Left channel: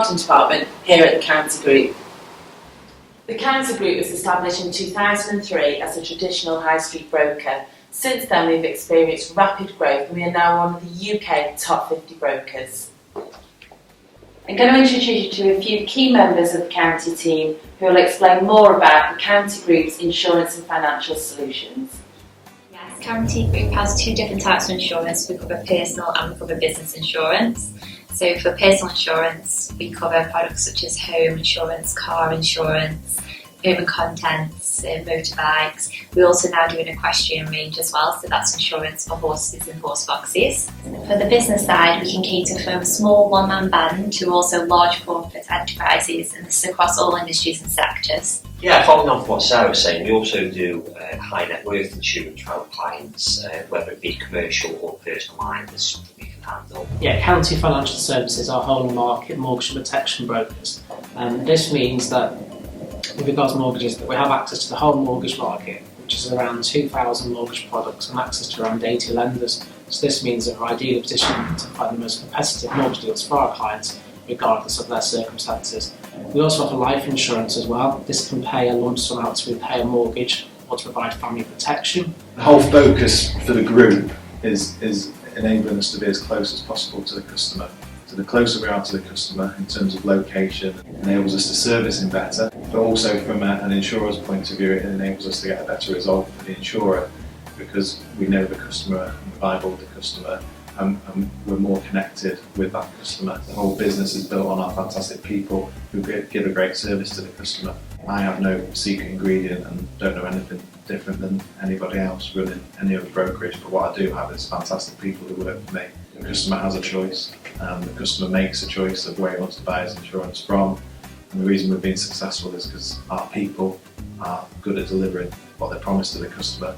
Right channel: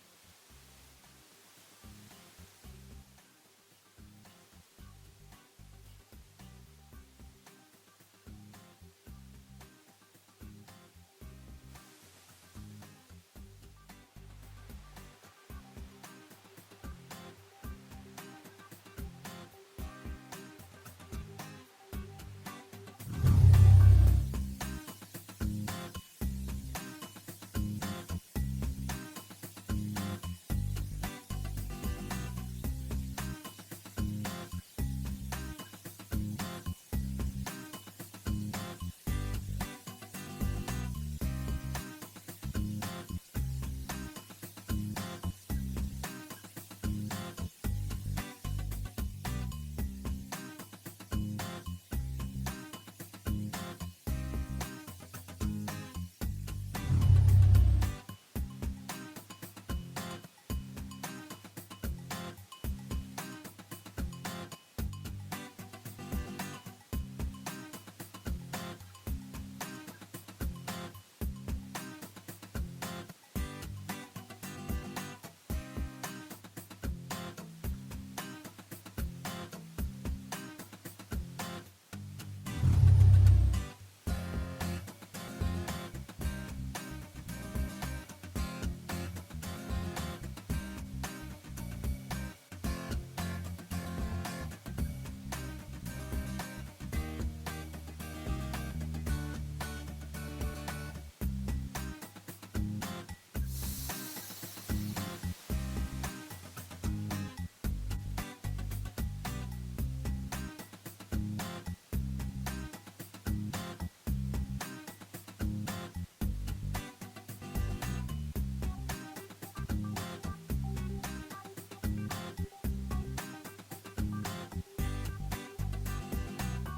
marketing department here at the County Group. The County Group was established in 2003 as a traditional high street broker. Since then we've experienced rapid growth and we are now one of the UK top 50 brokers. I'm going to introduce you to a few key members of the County team who will explain more about the County Group's insurance and financial solutions. Yes, County Group has two different types of insurance. We cover personal and we cover business insurance. So for personal insurance, we cover products such as home insurance, car insurance, home and contents, motorbikes. We also now do an equestrian range as well, so that's insurance for horses and horse boxes. For the business side, we can cater from a small one-man band to also large corporate enterprises, and this is across all industries and sectors. Yeah, following on from what Sarah was saying, we also do high net worth insurance for our clients, whether it be commercial or personal lines, that's something we can handle. Yeah, County Financial Services are whole market mortgage protection brokers. This means that with regards to mortgages, that we have access to the whole mortgage market, which is around 2,000 mortgage products and access to around 80 lenders. So this means that we're ideally positioned to find the most competitive mortgage deals for our clients, regardless of their circumstances. We also offer life insurance as well. This can pay a lump sum out to repay a mortgage or to provide family protection. The whole focus for the group is enabling us to be as close as possible to the customer. So the closer we are to the customer in terms of location, it enables us to service him better, but also from an insurer's point of view, it enables us to get a better result for the insurer because we know the customer and the Bible of the customer, and we're more connected with that customer. The whole business is built on our fantastic people who give a great service to the customer. I have no secret ingredient and don't know anything different than anybody else running any other brokerage, but what I do have is fantastic people who work for me. The customer has a choice, and the customer makes a choice of where he wants to buy his insurance from. And the reason we've been successful is because our people are good at delivering what they promise to the customer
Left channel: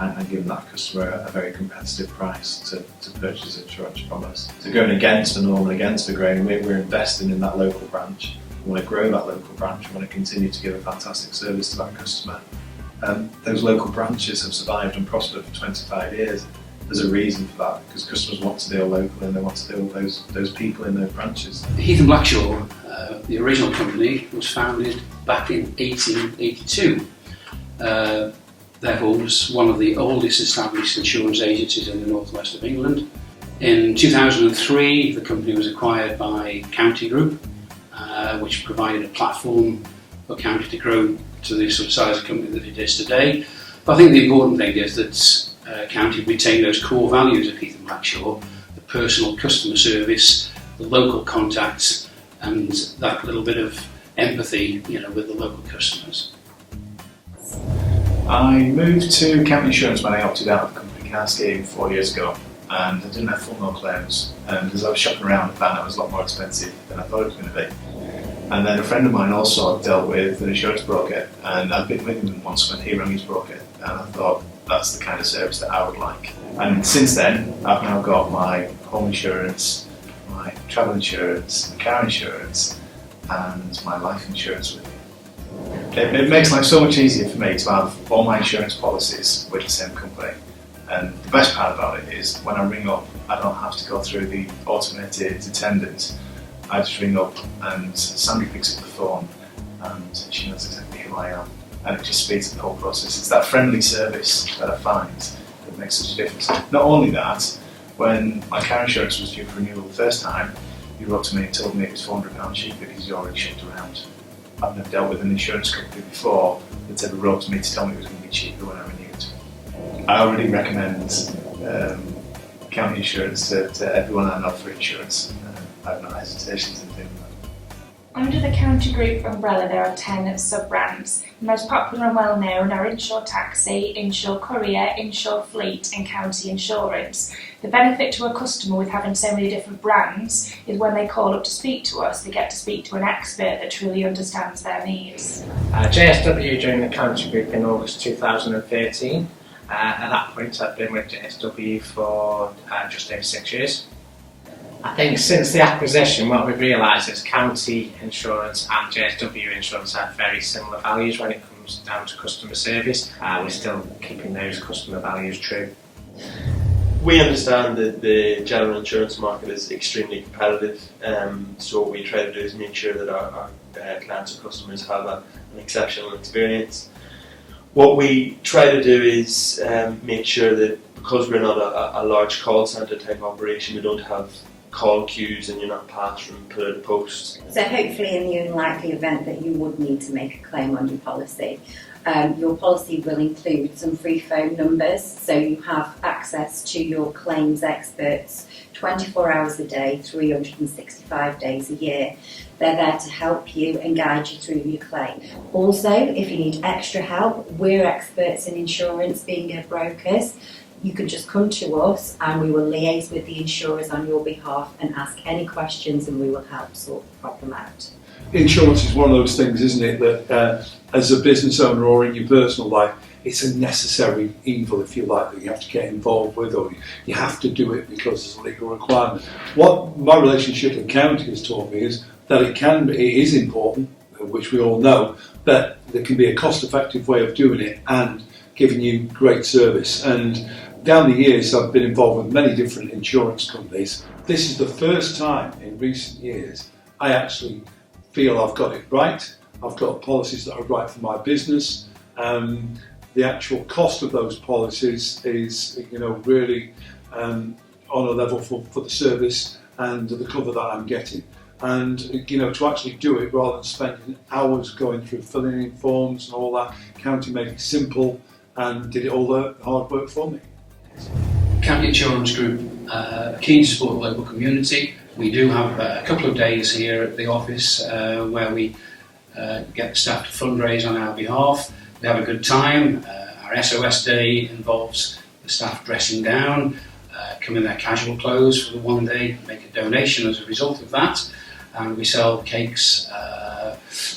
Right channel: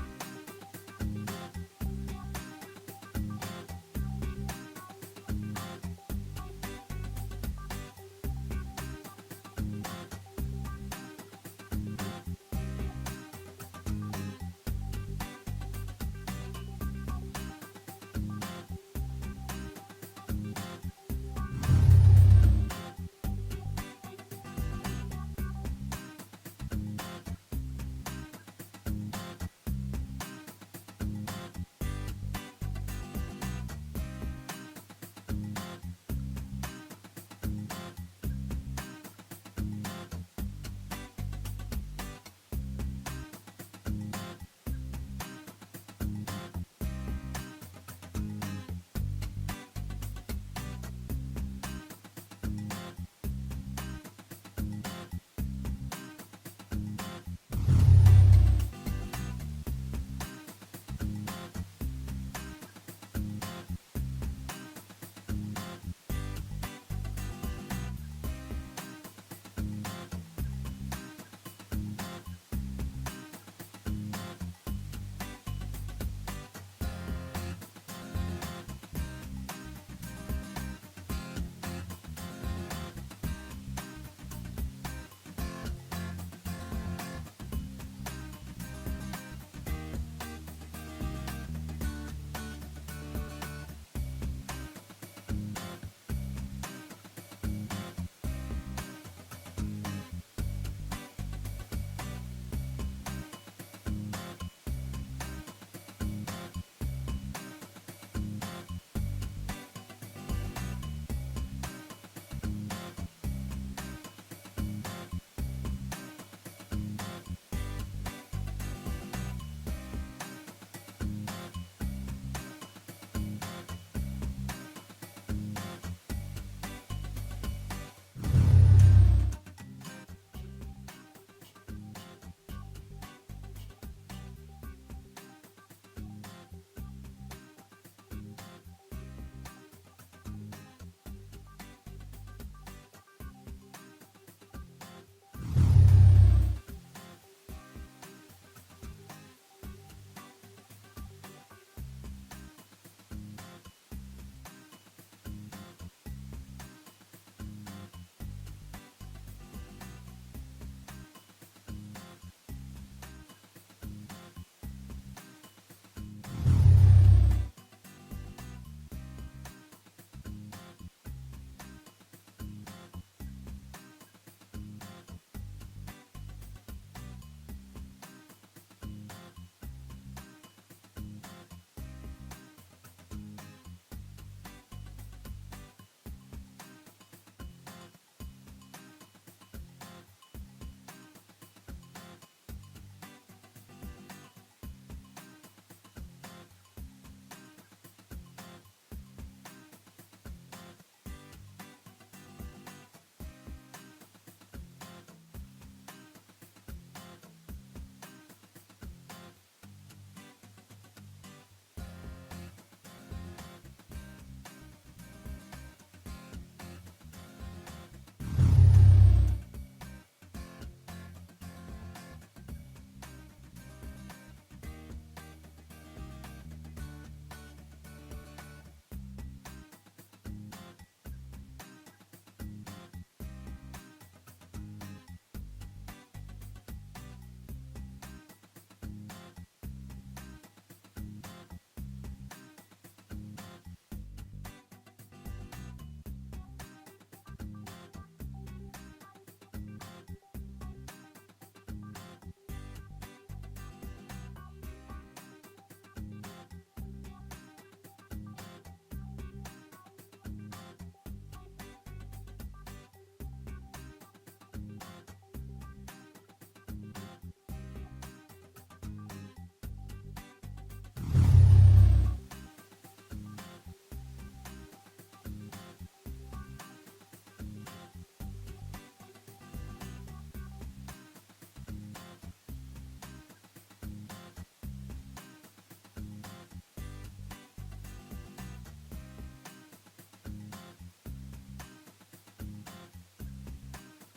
and giving that customer a very competitive price to purchase insurance from us. So going against the norm and against the grain, we're investing in that local branch. We want to grow that local branch, we want to continue to give a fantastic service to that customer. Those local branches have survived and prospered for 25 years. There's a reason for that, because customers want to deal locally and they want to deal with those people in those branches. Heath & Blackshaw, the original company, was founded back in 1882. Therefore, was one of the oldest established insurance agencies in the northwest of England. In 2003, the company was acquired by County Group, which provided a platform for County to grow to the sort of size of company that it is today. But I think the important thing is that County retain those core values of Heath & Blackshaw, the personal customer service, the local contacts, and that little bit of empathy, with the local customers. I moved to County Insurance when I opted out of the company car scheme 4 years ago, and I didn't have full no claims. And as I was shopping around, I found it was a lot more expensive than I thought it was going to be. And then a friend of mine also dealt with an insurance broker, and I'd been with him once when he rang his broker, and I thought that's the kind of service that I would like. And since then, I've now got my home insurance, my travel insurance, car insurance, and my life insurance with him. It makes life so much easier for me to have all my insurance policies with the same company. And the best part about it is when I ring up, I don't have to go through the automated attendant. I just ring up and Sandy picks up the phone and she knows exactly who I am. And it just speeds up the whole process. It's that friendly service that I find that makes such a difference. Not only that, when my car insurance was due for renewal the first time, he wrote to me and told me it was £400 cheaper because he's already shopped around. I've never dealt with an insurance company before that ever wrote to me to tell me it was going to be cheaper when I renewed. I already recommend County Insurance to everyone I know for insurance. I have no hesitations in doing that. Under the County Group umbrella there are 10 sub-brands. The most popular and well known are Insure Taxi, Insure Courier, Insure Fleet and County Insurance. The benefit to a customer with having so many different brands is when they call up to speak to us, they get to speak to an expert that truly understands their needs. JSW joined the County Group in August 2013. At that point I've been with JSW for just over 6 years. I think since the acquisition what we've realised is County Insurance and JSW Insurance have very similar values when it comes down to customer service. We're still keeping those customer values true. We understand that the general insurance market is extremely competitive, so what we try to do is make sure that our clients or customers have an exceptional experience. What we try to do is make sure that, because we're not a large call centre type operation, we don't have call queues and you're not passed from pillar to post. So hopefully, in the unlikely event that you would need to make a claim on your policy, your policy will include some free phone numbers, so you have access to your claims experts 24 hours a day, 365 days a year. They're there to help you and guide you through your claim. Also, if you need extra help, we're experts in insurance, being brokers. You can just come to us and we will liaise with the insurers on your behalf and ask any questions, and we will help sort the problem out. Insurance is one of those things, isn't it, that as a business owner or in your personal life, it's a necessary evil, if you like, that you have to get involved with, or you have to do it because it's a legal requirement. What my relationship with county has taught me is that it is important, which we all know, but there can be a cost-effective way of doing it and giving you great service. And down the years, I've been involved with many different insurance companies. This is the first time in recent years I actually feel I've got it right. I've got policies that are right for my business. The actual cost of those policies is, really on a level for the service and the cover that I'm getting. And to actually do it rather than spending hours going through filling in forms and all that, county made it simple and did all the hard work for me. County Insurance Group keen to support the local community. We do have a couple of days here at the office where we get the staff to fundraise on our behalf. We have a good time. Our SOS day involves the staff dressing down, come in their casual clothes for the one day, make a donation as a result of that, and we sell cakes,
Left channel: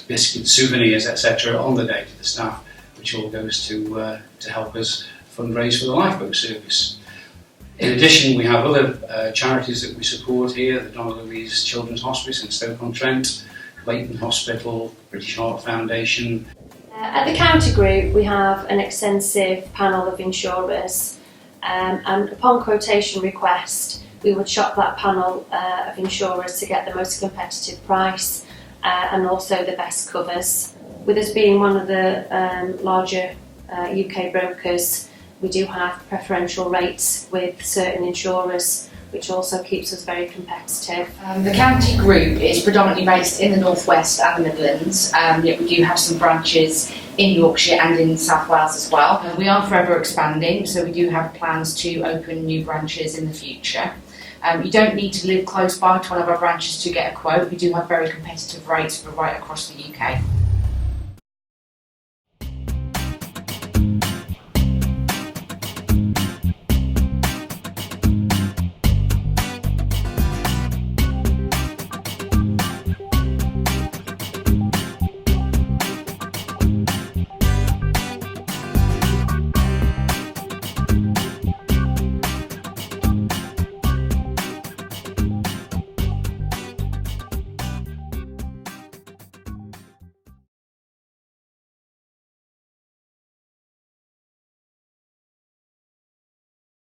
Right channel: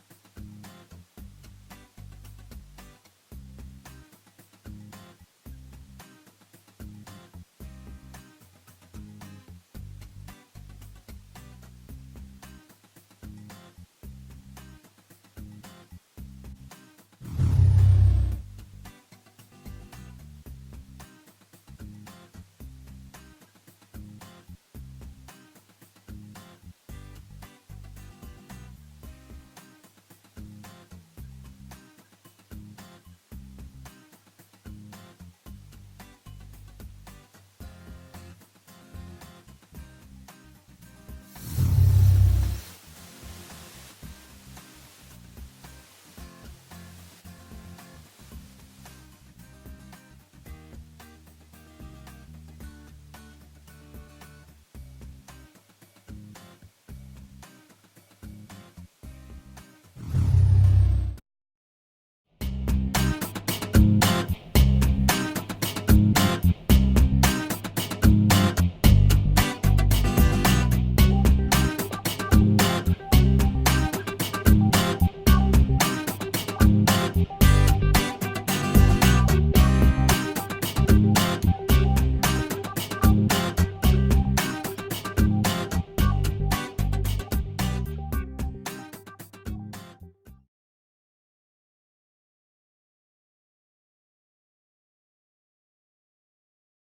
biscuits, souvenirs, etc. on the day to the staff, which all goes to help us fundraise for the lifeboat service. In addition, we have other charities that we support here: the Donna Louise Children's Hospice in Stoke-on-Trent, Clayton Hospital, British Heart Foundation. At the County Group, we have an extensive panel of insurers, and upon quotation request, we would shop that panel of insurers to get the most competitive price and also the best covers. With us being one of the larger UK brokers, we do have preferential rates with certain insurers, which also keeps us very competitive. The County Group is predominantly based in the North West and the Midlands, yet we do have some branches in Yorkshire and in South Wales as well. We are forever expanding, so we do have plans to open new branches in the future. You don't need to live close by to one of our branches to get a quote. We do have very competitive rates for right across the UK.